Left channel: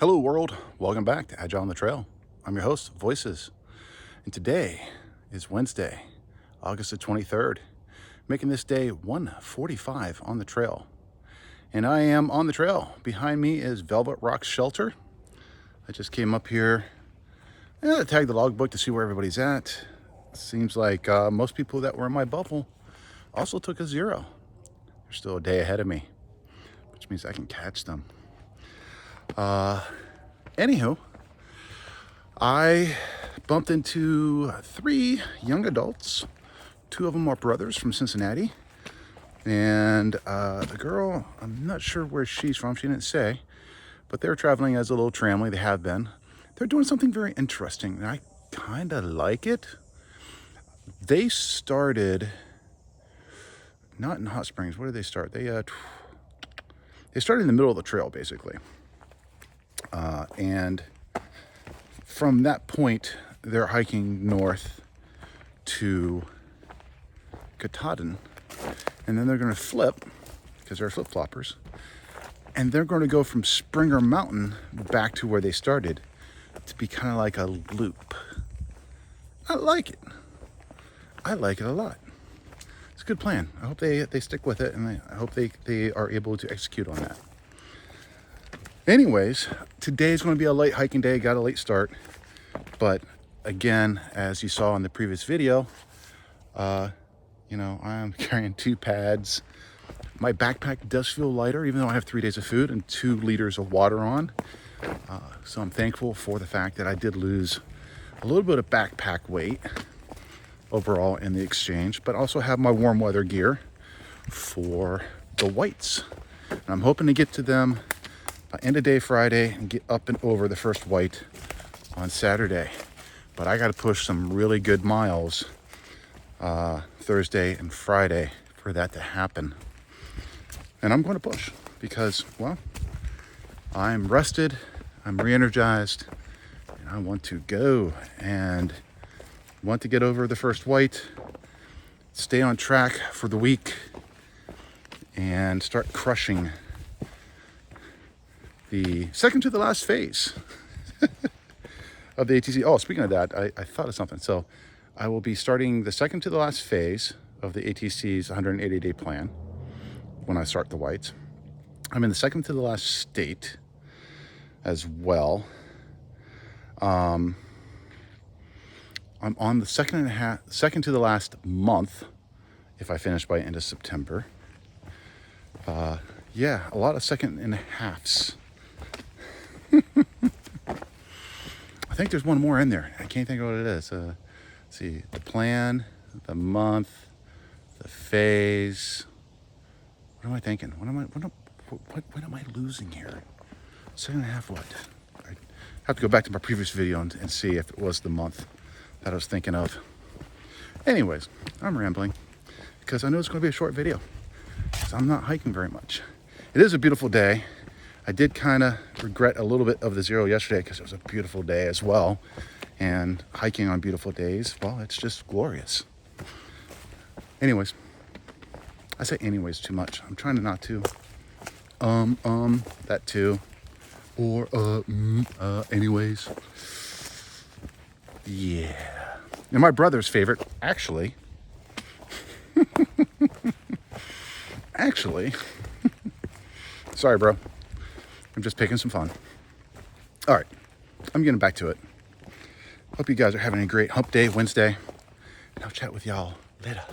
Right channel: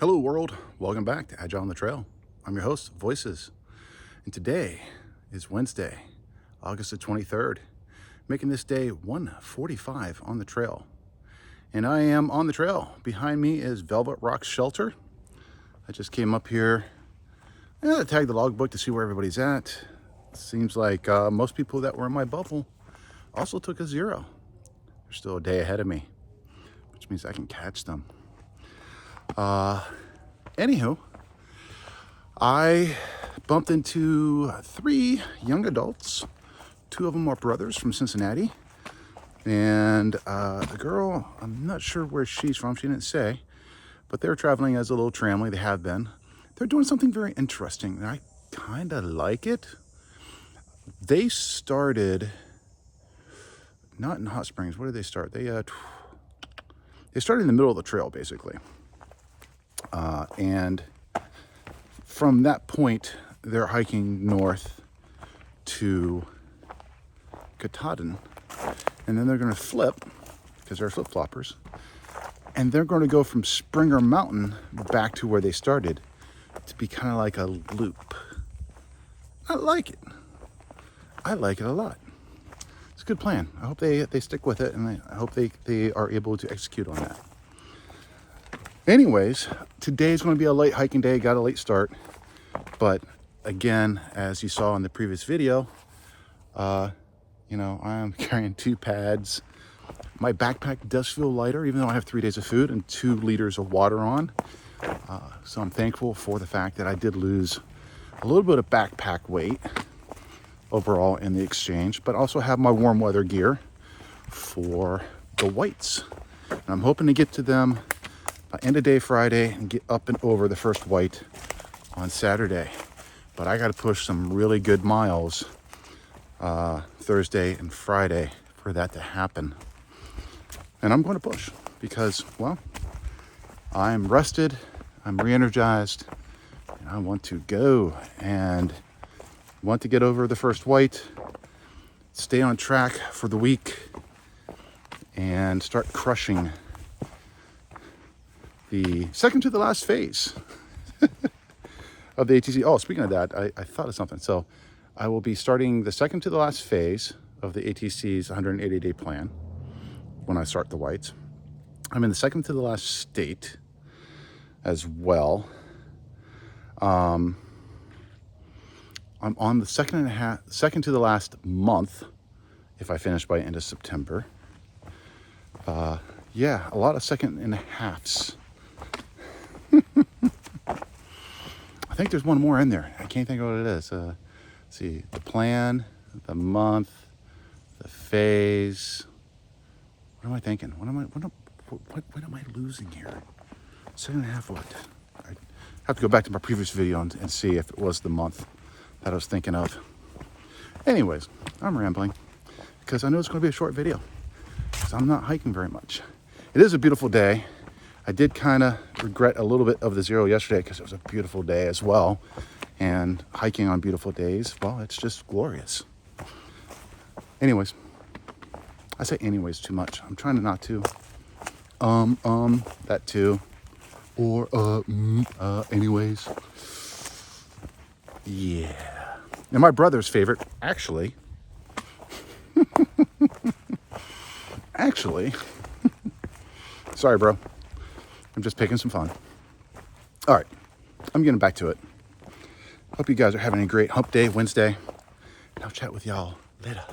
Hello world, welcome back to Agile on the Trail. I'm your host, Voices, and today is Wednesday, August the 23rd, making this day 1:45 on the trail. And I am on the trail. Behind me is Velvet Rock Shelter. I just came up here to tag the logbook to see where everybody's at. Seems like most people that were in my bubble also took a zero. They're still a day ahead of me, which means I can catch them. Anywho, I bumped into 3 young adults. 2 of them are brothers from Cincinnati. And the girl, I'm not sure where she's from. She didn't say. But they're traveling as a little family. They have been. They're doing something very interesting. And I kind of like it. They started, not in Hot Springs. Where did they start? They started in the middle of the trail, basically. And from that point, they're hiking north to Katahdin. And then they're going to flip, because they're flip-floppers. And they're going to go from Springer Mountain back to where they started to be kind of like a loop. I like it. I like it a lot. It's a good plan. I hope they stick with it, and I hope they are able to execute on that. Anyways, today's going to be a late hiking day. Got a late start. But again, as you saw in the previous video, I'm carrying 2 pads. My backpack does feel lighter, even though I have 3 days of food and 2 liters of water on. So I'm thankful for the fact that I did lose a little bit of backpack weight overall in the exchange, but also have my warm weather gear for the whites. And I'm hoping to get to them by end of day Friday and get up and over the first white on Saturday. But I got to push some really good miles Thursday and Friday for that to happen. And I'm going to push because, well, I'm rested, I'm re-energized, and I want to go and want to get over the first white, stay on track for the week, and start crushing the second to the last phase of the ATC. Oh, speaking of that, I thought of something. So I will be starting the second to the last phase of the ATC's 180-day plan when I start the whites. I'm in the second to the last state as well. I'm on the second to the last month if I finish by end of September. A lot of second and a halves. I think there's one more in there. I can't think of what it is. Let's see, the plan, the month, the phase. What am I thinking? What am I losing here? Second and a half what? I have to go back to my previous video and see if it was the month that I was thinking of. Anyways, I'm rambling because I know it's going to be a short video because I'm not hiking very much. It is a beautiful day. I did kind of regret a little bit of the zero yesterday because it was a beautiful day as well. And hiking on beautiful days, well, it's just glorious. Anyways, I say anyways too much. I'm trying to not to. That too. Or, anyways. Yeah. And my brother's favorite, actually, sorry, bro. I'm just picking some fun. All right, I'm getting back to it. Hope you guys are having a great hump day Wednesday. And I'll chat with y'all later.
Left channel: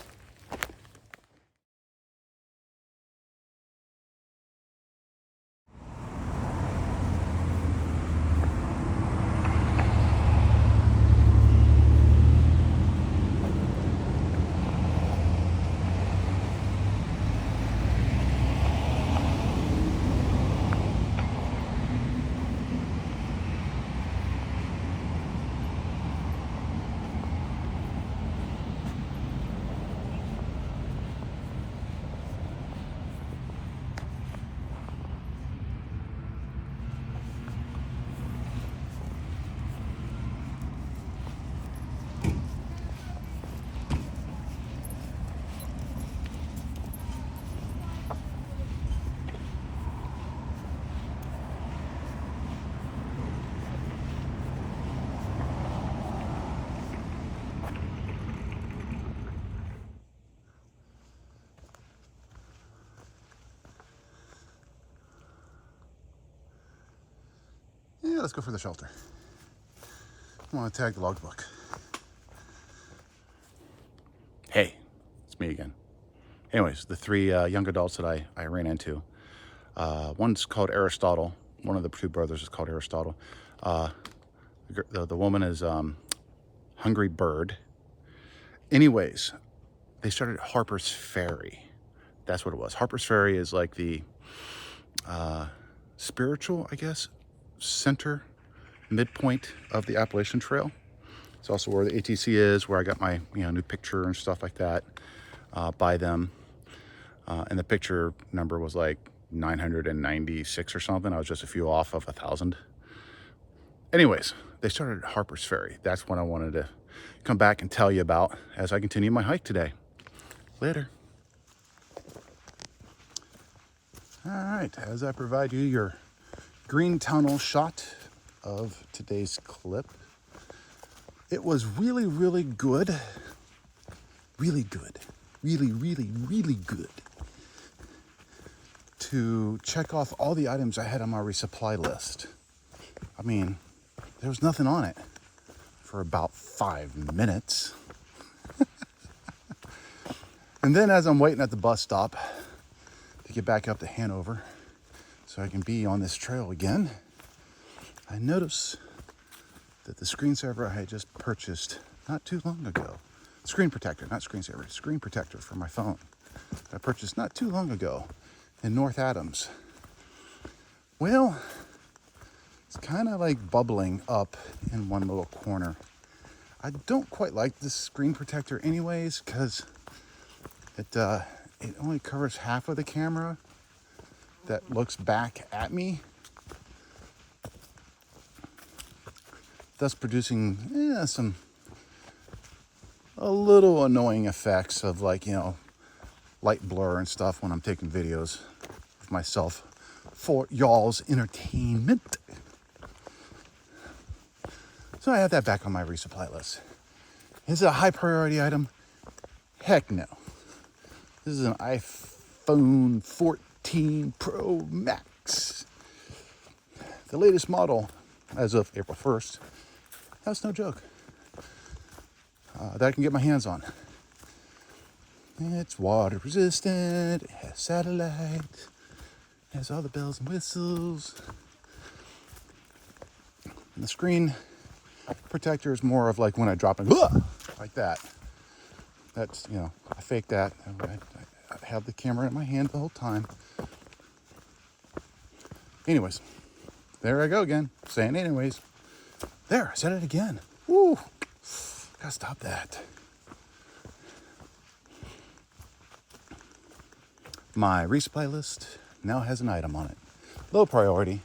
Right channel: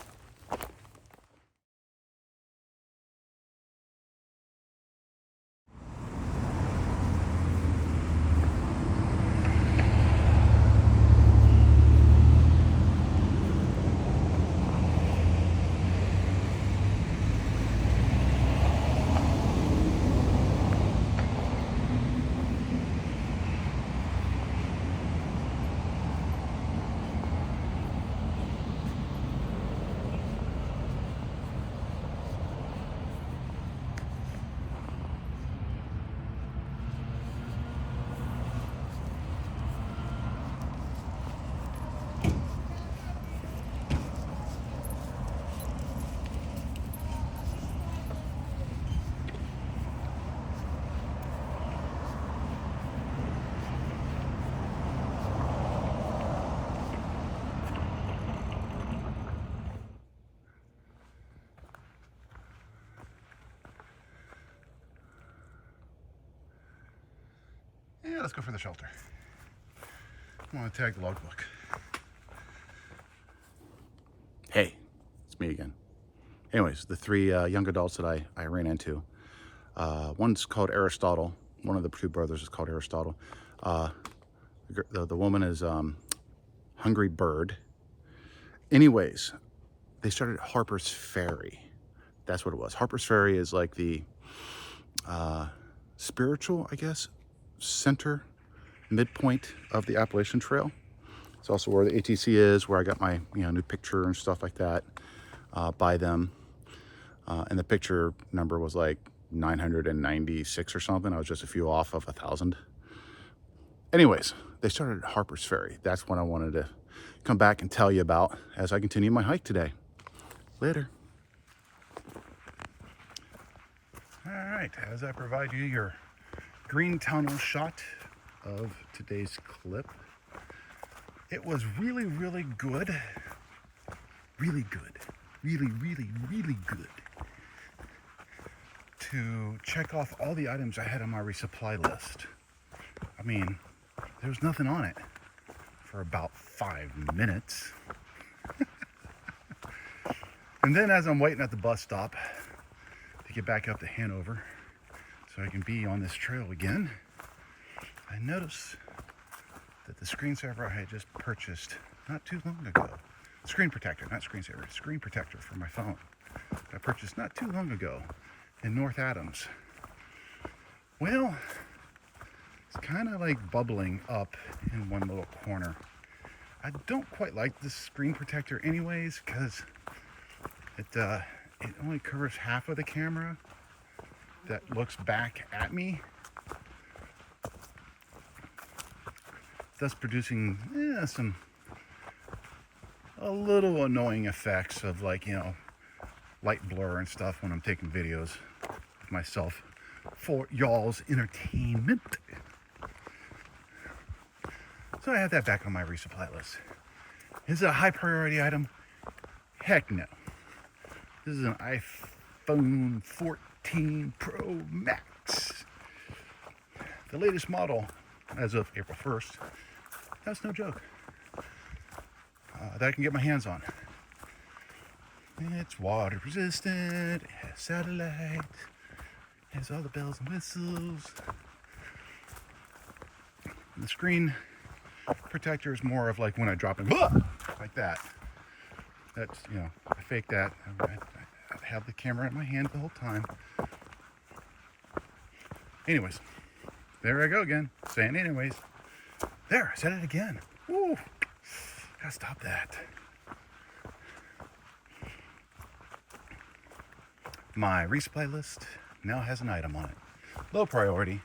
let's go for the shelter. I want to tag the logbook. Hey, it's me again. Anyways, the three young adults that I ran into. One's called Aristotle. One of the two brothers is called Aristotle. The woman is Hungry Bird. Anyways, they started at Harper's Ferry. That's what it was. Harper's Ferry is like the spiritual, I guess, center, midpoint of the Appalachian Trail. It's also where the ATC is, where I got my new picture and stuff like that by them. And the picture number was like 996 or something. I was just a few off of 1,000. Anyways, they started at Harper's Ferry. That's what I wanted to come back and tell you about as I continue my hike today. Later. All right, as I provide you your green tunnel shot of today's clip, it was really, really good. Really good. Really, really, really good to check off all the items I had on my resupply list. I mean, there was nothing on it for about 5 minutes. And then as I'm waiting at the bus stop to get back up to Hanover so I can be on this trail again, I notice that the screensaver I had just purchased not too long ago, screen protector, not screensaver, screen protector for my phone, I purchased not too long ago in North Adams. Well, it's kind of like bubbling up in one little corner. I don't quite like this screen protector anyways, because it only covers half of the camera that looks back at me, thus producing a little annoying effects of light blur and stuff when I'm taking videos of myself for y'all's entertainment. So I have that back on my resupply list. Is it a high priority item? Heck no. This is an iPhone 14 Pro Max. The latest model as of April 1st. That's no joke. That I can get my hands on. It's water resistant, it has satellite, it has all the bells and whistles. And the screen protector is more of like when I drop it, like that. That's, I fake that. I had the camera in my hand the whole time. Anyways, there I go again, saying anyways. There, I said it again. Woo, gotta stop that. My resupply list now has an item on it. Low priority.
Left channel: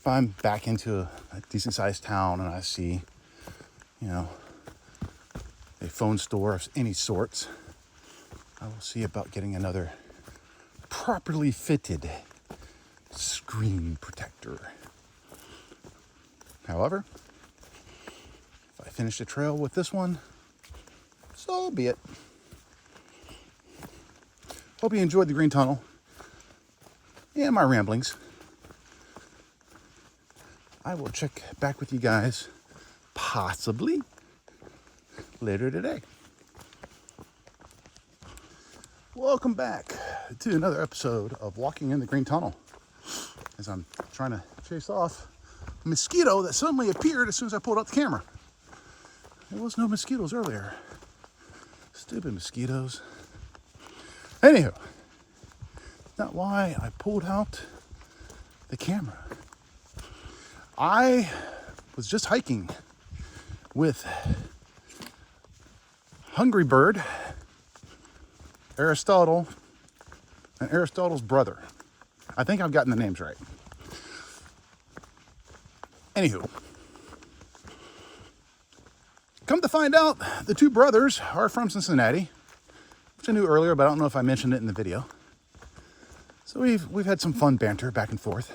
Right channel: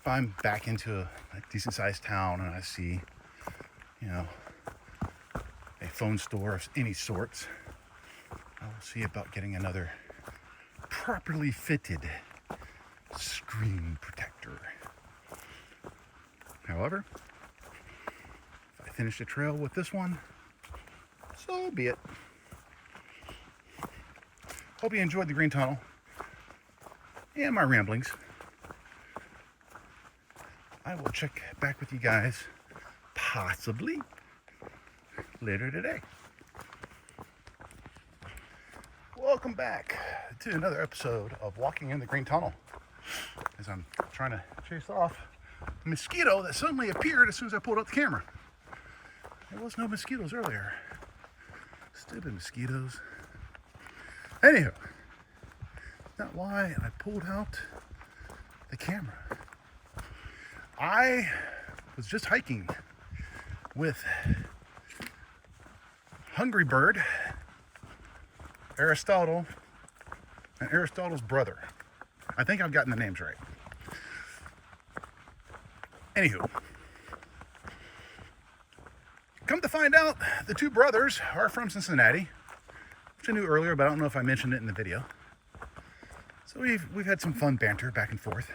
If I'm back into a decent sized town and I see, a phone store of any sorts, I will see about getting another properly fitted screen protector. However, if I finish the trail with this one, so be it. Hope you enjoyed the green tunnel and my ramblings. I will check back with you guys possibly later today. Welcome back to another episode of Walking in the Green Tunnel, as I'm trying to chase off a mosquito that suddenly appeared as soon as I pulled out the camera. There was no mosquitoes earlier. Stupid mosquitoes. Anywho, not why I pulled out the camera. I was just hiking with Hungry Bird, Aristotle, and Aristotle's brother. I think I've gotten the names right. Anywho, come to find out, the two brothers are from Cincinnati, which I knew earlier, but I don't know if I mentioned it in the video. So we've had some fun banter back and forth.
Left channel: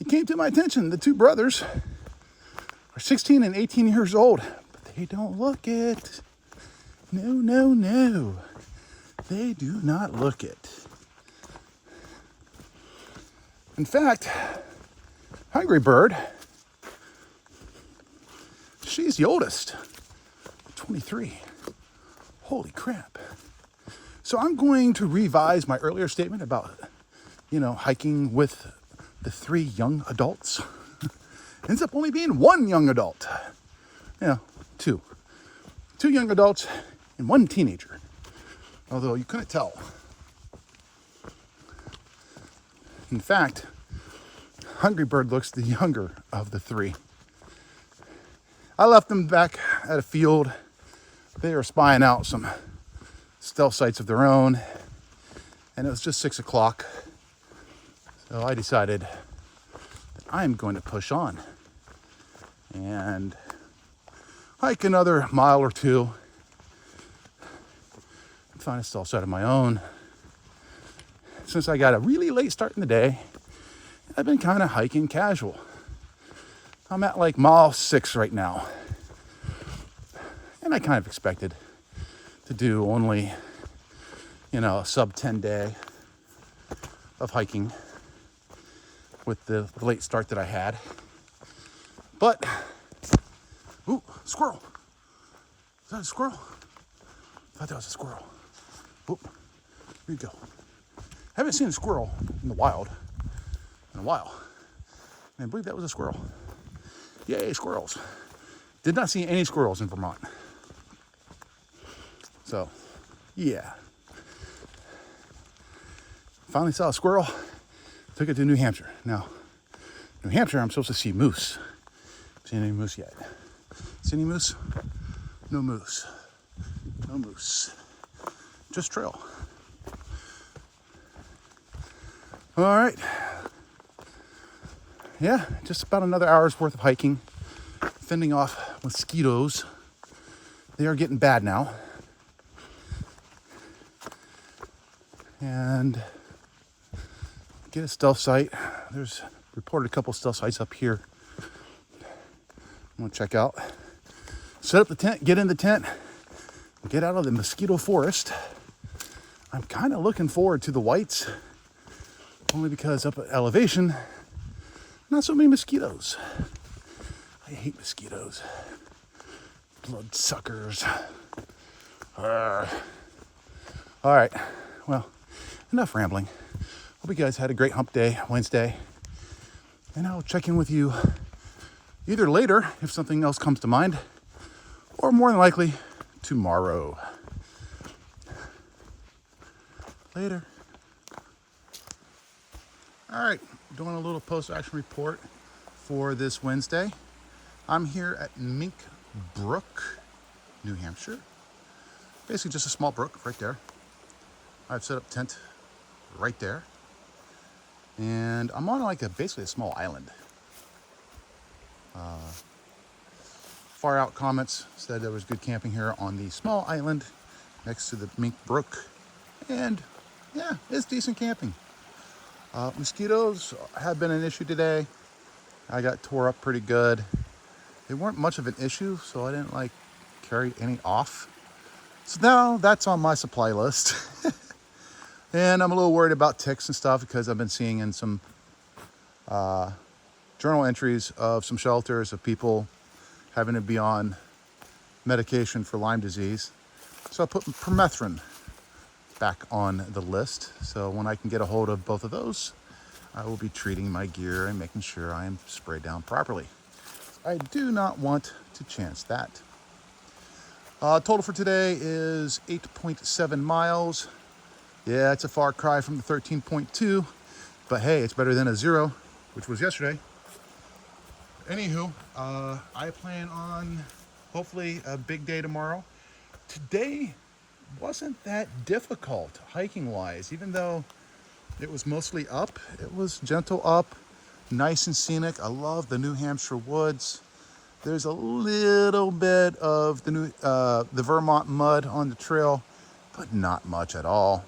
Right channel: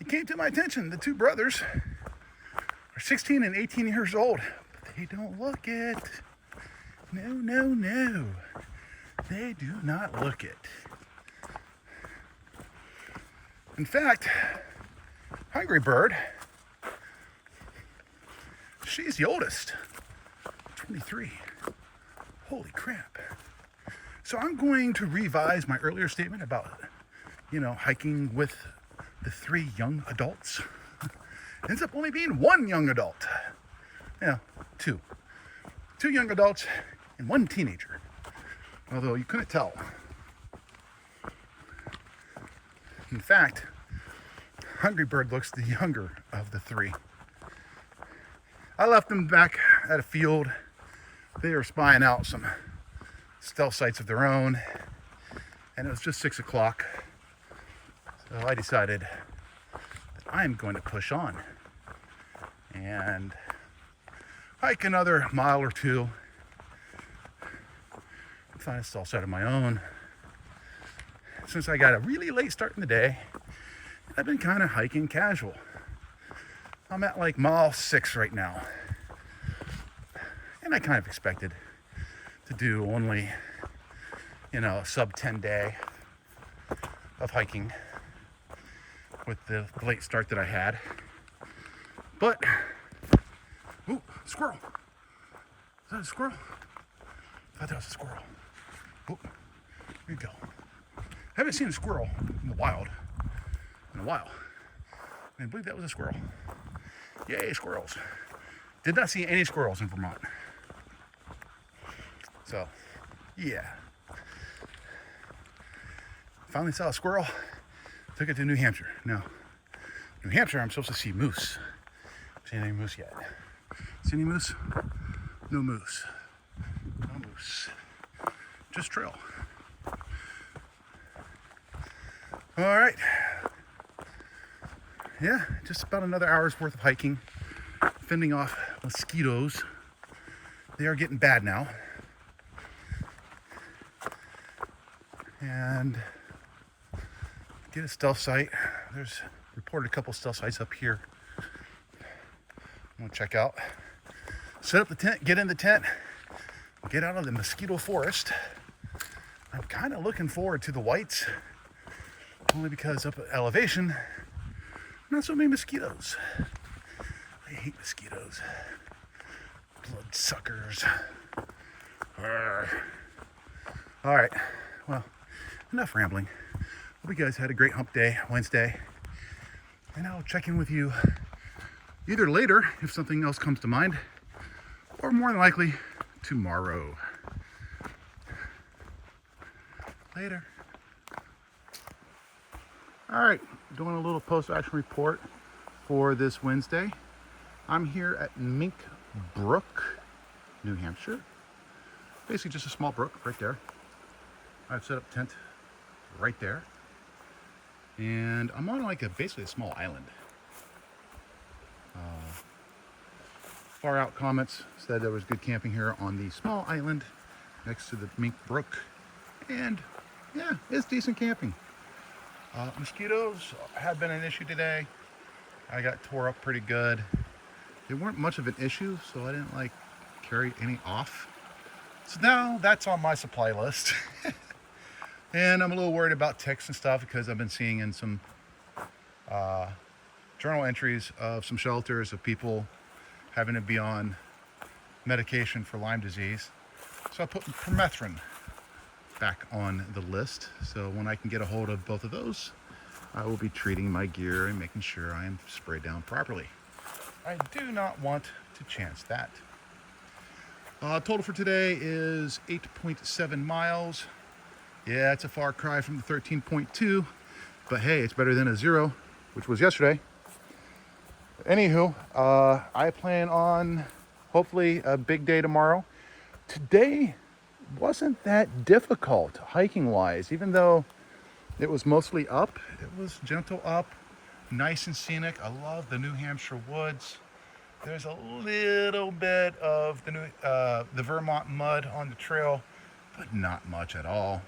It came to my attention, the two brothers are 16 and 18 years old, but they don't look it. No. They do not look it. In fact, Hungry Bird, she's the oldest, 23. Holy crap. So I'm going to revise my earlier statement about, hiking with the 3 young adults. Ends up only being 1 young adult. 2. 2 young adults and 1 teenager. Although you couldn't tell. In fact, Hungry Bird looks the younger of the 3. I left them back at a field. They are spying out some stealth sites of their own, and it was just 6 o'clock. So I decided that I am going to push on and hike another mile or 2 and find a stealth site of my own. Since I got a really late start in the day, I've been kind of hiking casual. I'm at like mile 6 right now. And I kind of expected to do only, a sub 10 day of hiking with the late start that I had. But, ooh, squirrel. Is that a squirrel? I thought that was a squirrel. Oop, here you go. I haven't seen a squirrel in the wild in a while. And I believe that was a squirrel. Yay, squirrels. Did not see any squirrels in Vermont. So, yeah. Finally saw a squirrel. Took it to New Hampshire. Now, New Hampshire, I'm supposed to see moose. Seen any moose yet? See any moose? No moose. No moose. Just trail. All right. Yeah, just about another hour's worth of hiking. Fending off mosquitoes. They are getting bad now. And get a stealth site. There's reported a couple stealth sites up here. I'm gonna check out. Set up the tent, get in the tent, get out of the mosquito forest. I'm kind of looking forward to the whites, only because up at elevation, not so many mosquitoes. I hate mosquitoes. Blood suckers. Arrgh. All right, well, enough rambling. Hope you guys had a great hump day Wednesday. And I'll check in with you either later if something else comes to mind, or more than likely tomorrow. Later. All right, doing a little post-action report for this Wednesday. I'm here at Mink Brook, New Hampshire. Basically just a small brook right there. I've set up tent right there. And I'm on like basically a small island. Far out comments said there was good camping here on the small island next to the Mink Brook. And yeah, it's decent camping. Mosquitoes have been an issue today. I got tore up pretty good. They weren't much of an issue, so I didn't carry any off. So now that's on my supply list. And I'm a little worried about ticks and stuff because I've been seeing in some journal entries of some shelters of people having to be on medication for Lyme disease. So I put permethrin back on the list. So when I can get a hold of both of those, I will be treating my gear and making sure I am sprayed down properly. I do not want to chance that. Total for today is 8.7 miles. Yeah, it's a far cry from the 13.2, but hey, it's better than a 0, which was yesterday. Anywho, I plan on hopefully a big day tomorrow. Today wasn't that difficult hiking wise, even though it was mostly up. It was gentle up, nice and scenic. I love the New Hampshire woods. There's a little bit of the Vermont mud on the trail, but not much at all.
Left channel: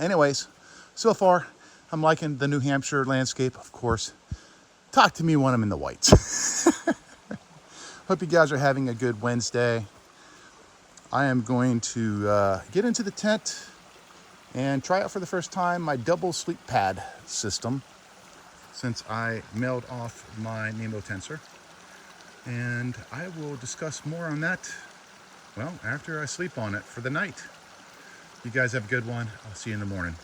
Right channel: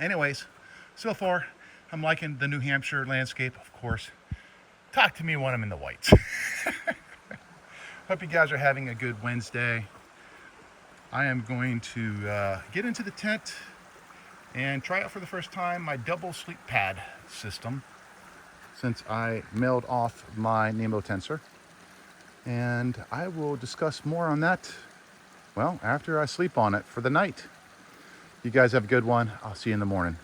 Anyways, so far I'm liking the New Hampshire landscape, of course. Talk to me when I'm in the whites. Hope you guys are having a good Wednesday. I am going to get into the tent and try out for the first time my double sleep pad system. since I mailed off my Nemo tensor. And I will discuss more on that, well, after I sleep on it for the night. You guys have a good one. I'll see you in the morning.